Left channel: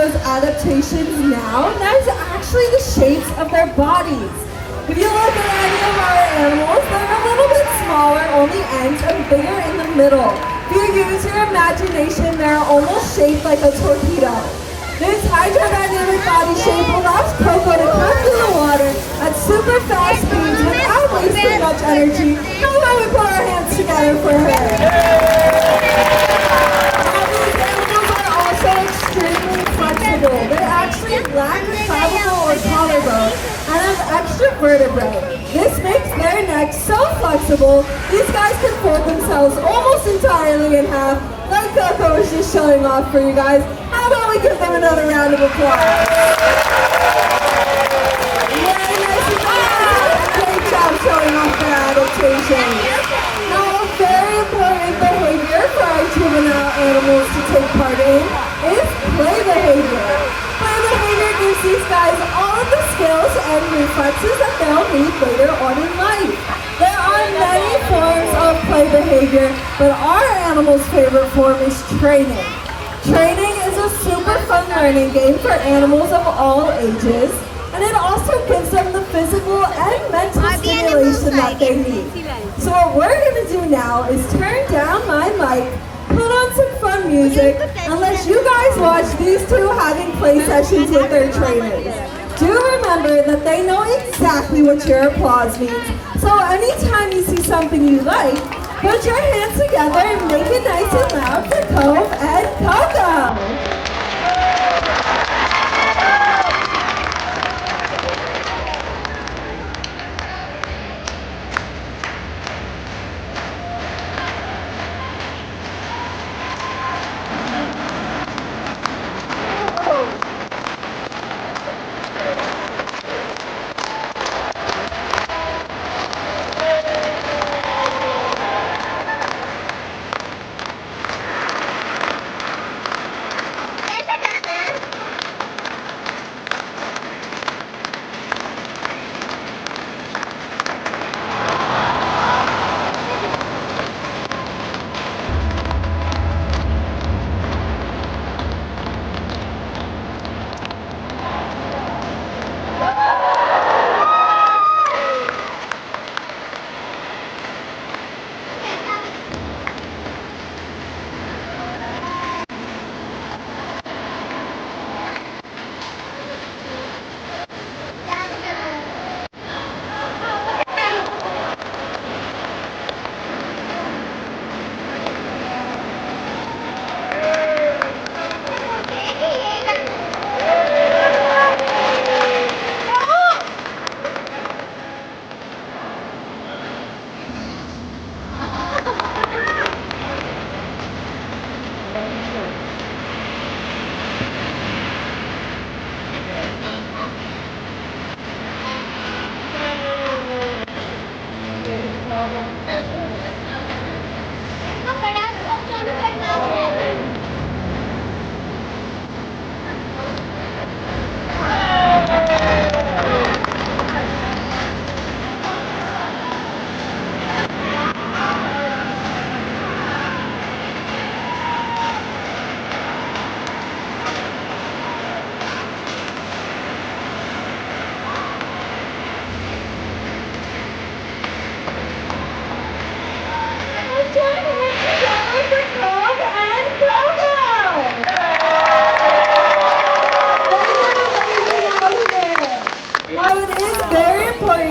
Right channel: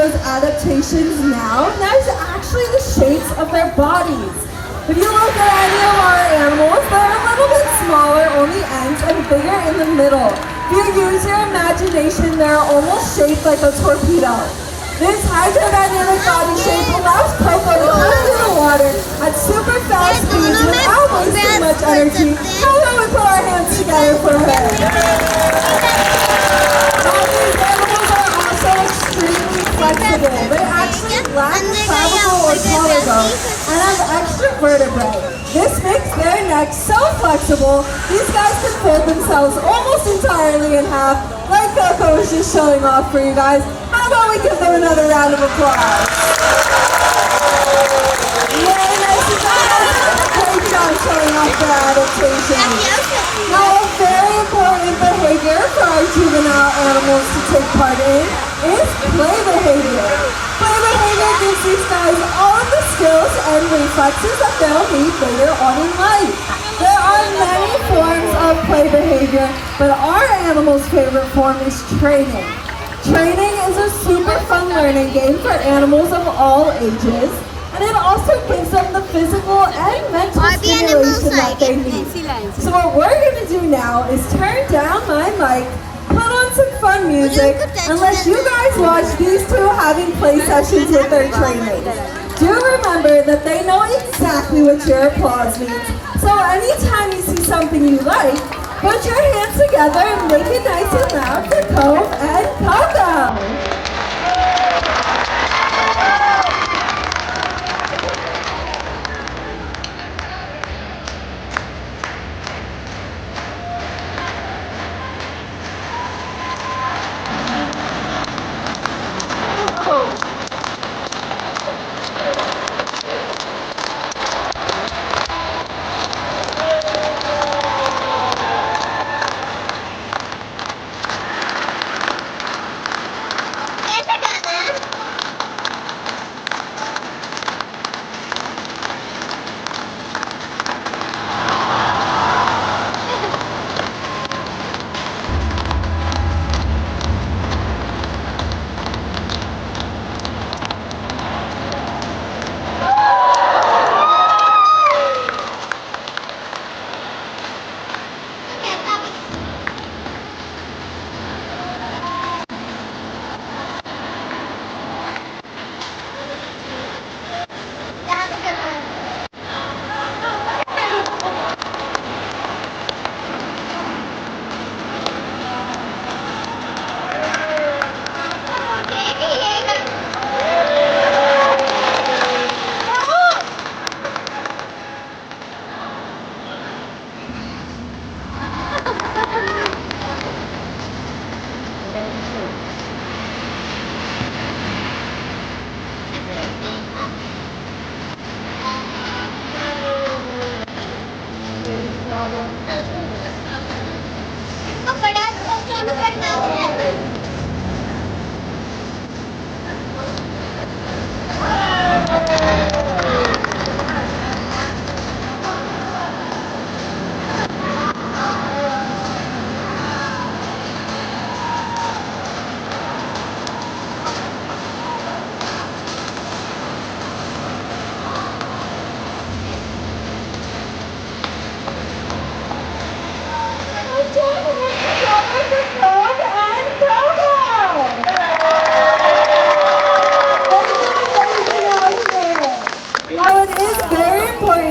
those adaptations now, and that is actually the shapes of their bodies. If you look at any of our animals, they're a little bit smaller on the ends and bigger in the middle. If you use your imagination, they're almost shaped like a torpedo. This hydrodynamic body shape allows Coco to come through the water at super fast speeds without wasting much energy. How about we put our hands together for her? Extremely flexible. They actually lack a clavicle or collarbone and have extra vertebrae. This makes their necks so flexible, these guys can fold themselves almost entirely in half, like Coco was just showing off for you guys. How about we give them another round of applause? Very nice. Great job showing off their adaptation. Now, a very important behavior for our juvenile animals to take part in is play behavior. Play behavior gives these guys all of the skills and reflexes that they'll need later on in life. There are many forms of play behavior, but our animal's favorite form is training. Training is a super fun learning game for animals of all ages, and it also gives them the physical and mental stimulation that they need. So what we're going to do now is turn down my mic, put on some fun music, and let you guys watch these two having play sessions with their trainers. Do remember that they know exactly what your applause means, so anytime you see something you like, put your hands together and make it nice and loud for Cove and Coco.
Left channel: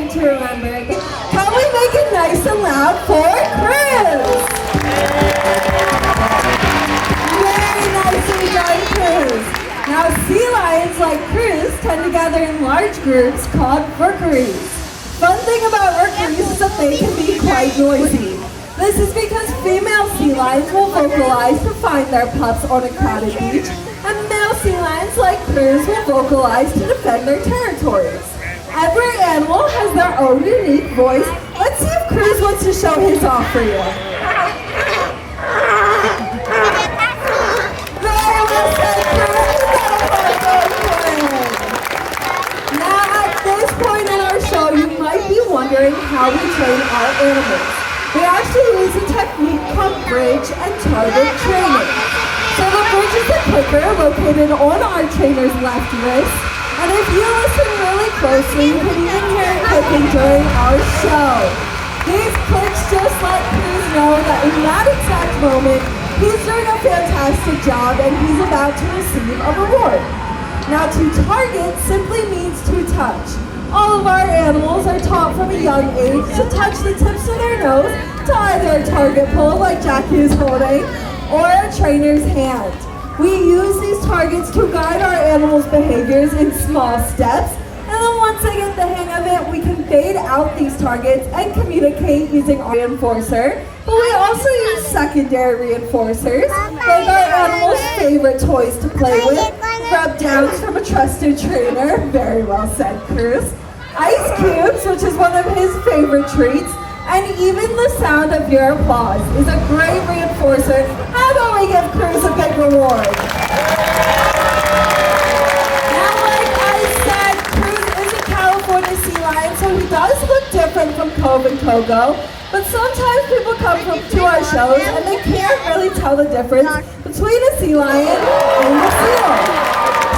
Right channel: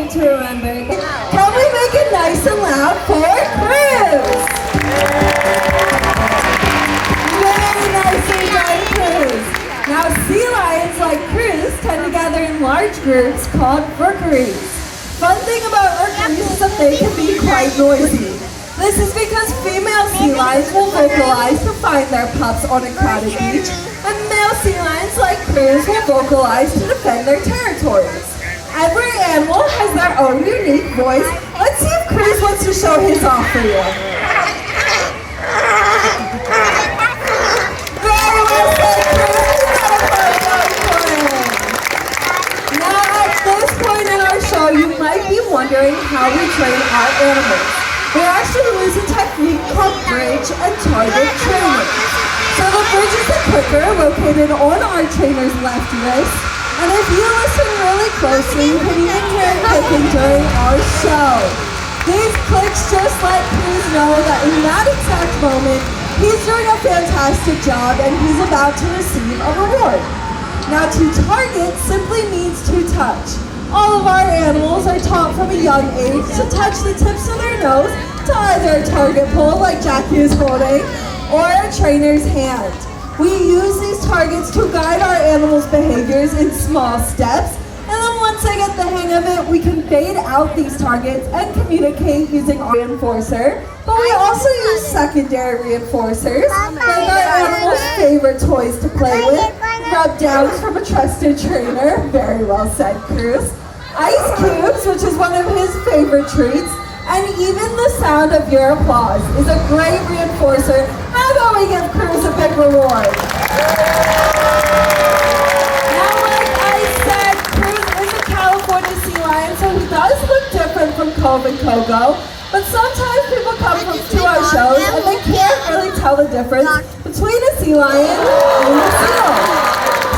To remember. Can we make it nice and loud for Cruz? Very nicely done, Cruz. Now, sea lions like Cruz tend to gather in large groups called rookeries. Fun thing about rookeries is that they can be quite noisy. This is because female sea lions will vocalize to find their pups on a crowded beach, and male sea lions like Cruz will vocalize to defend their territories. Every animal has their own unique voice. Let's see if Cruz wants to show his off for you. Very well said, Cruz. Now at this point in our show, you might be wondering how we train our animals. We actually use a technique called bridge and target training. So the bridge is a clicker located on our trainer's left wrist. And if you listen really closely, you can even hear it clicking during our show. These clicks just let Cruz know that in that exact moment, he's doing a fantastic job and he's about to receive a reward. Now, to target simply means to touch. All of our animals are taught from a young age to touch the tips of their nose to either a target pole like Jackie is holding or a trainer's hand. We use these targets to guide our animals' behaviors in small steps, and then once they get the hang of it, we can fade out these targets and communicate using our reinforcer. But we also use secondary reinforcers, like our animals' favorite toys to play with, rub downs from a trusted trainer, very well said, Cruz, ice cubes, which is one of his favorite treats, and even the sound of your applause is a great reinforcer. How about we give Cruz a big reward? Now, like I said, Cruz is a California sea lion, so he does look different from Cove and Kogo. But sometimes people come to our shows and they can't really tell the difference between a sea lion and a seal.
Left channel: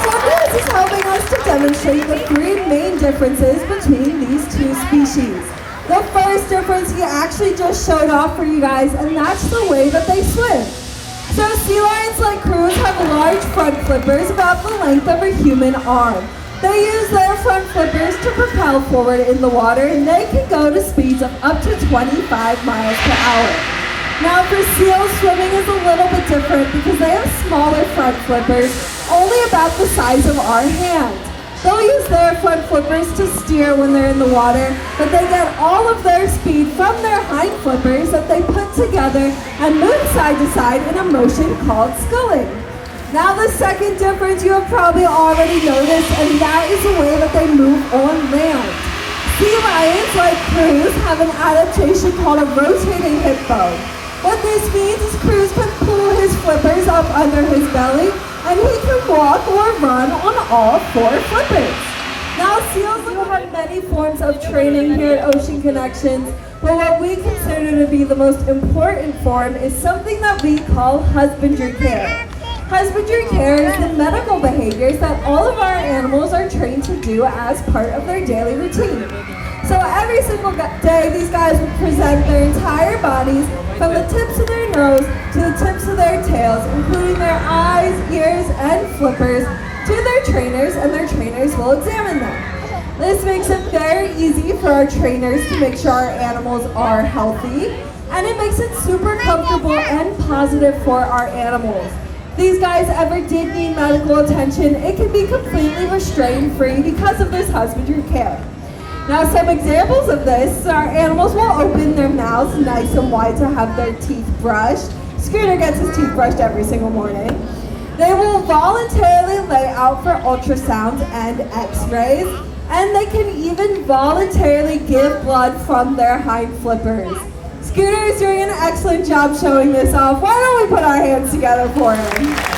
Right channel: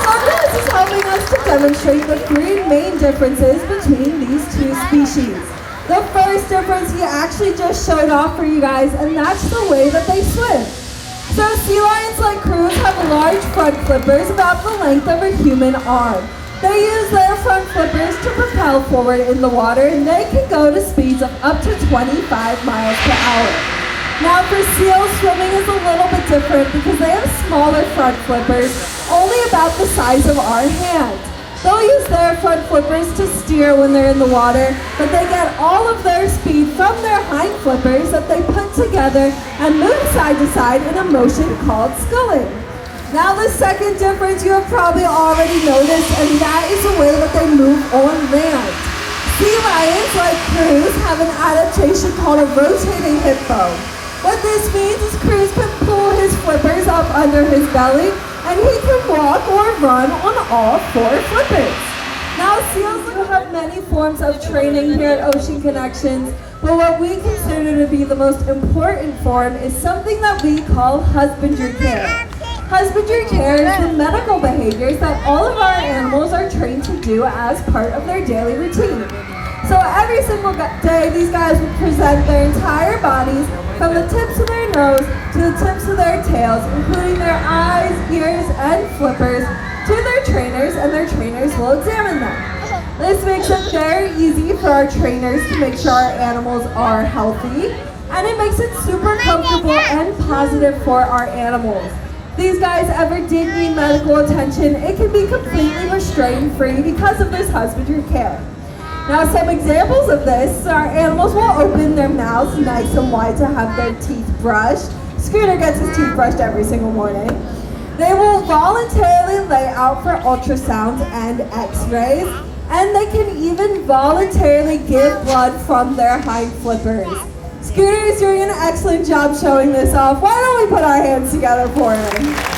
So Cruz is helping us to demonstrate the three main differences between these two species. The first difference he actually just showed off for you guys, and that's the way that they swim. So sea lions like Cruz have large front flippers about the length of a human arm. They use their front flippers to propel forward in the water, and they can go to speeds of up to 25 miles per hour. Now for seals, swimming is a little bit different because they have smaller front flippers, only about the size of our hand. They'll use their front flippers to steer when they're in the water, but they get all of their speed from their hind flippers that they put together and move side to side in a motion called sculling. Now the second difference you have probably already noticed, and that is the way that they move on land. Sea lions like Cruz have an adaptation called a rotating hip bone. What this means is Cruz can pull his flippers up under his belly, and he can walk or run on all four flippers. Now seals have many forms of training here at Ocean Connections, but what we consider to be the most important form is something that we call husbandry care. Husbandry care is the medical behaviors that all of our animals are trained to do as part of their daily routine. So every single day, these guys will present their entire bodies from the tips of their nose to the tips of their tails, including their eyes, ears, and flippers, to their trainers, and their trainers will examine them. This makes it very easy for our trainers to make sure our animals are healthy, and it makes it super comfortable and positive for our animals. These guys ever did need medical attention, it can be completely restraint-free because of this husbandry care. Now some examples of this, our animals will open their mouths nice and wide to have their teeth brushed. Scooter gets his teeth brushed every single morning. They will voluntarily lay out for ultrasounds and x-rays, and they can even voluntarily give blood from their hind flippers. Scooter is doing an excellent job showing this off. Why don't we put our hands together for him?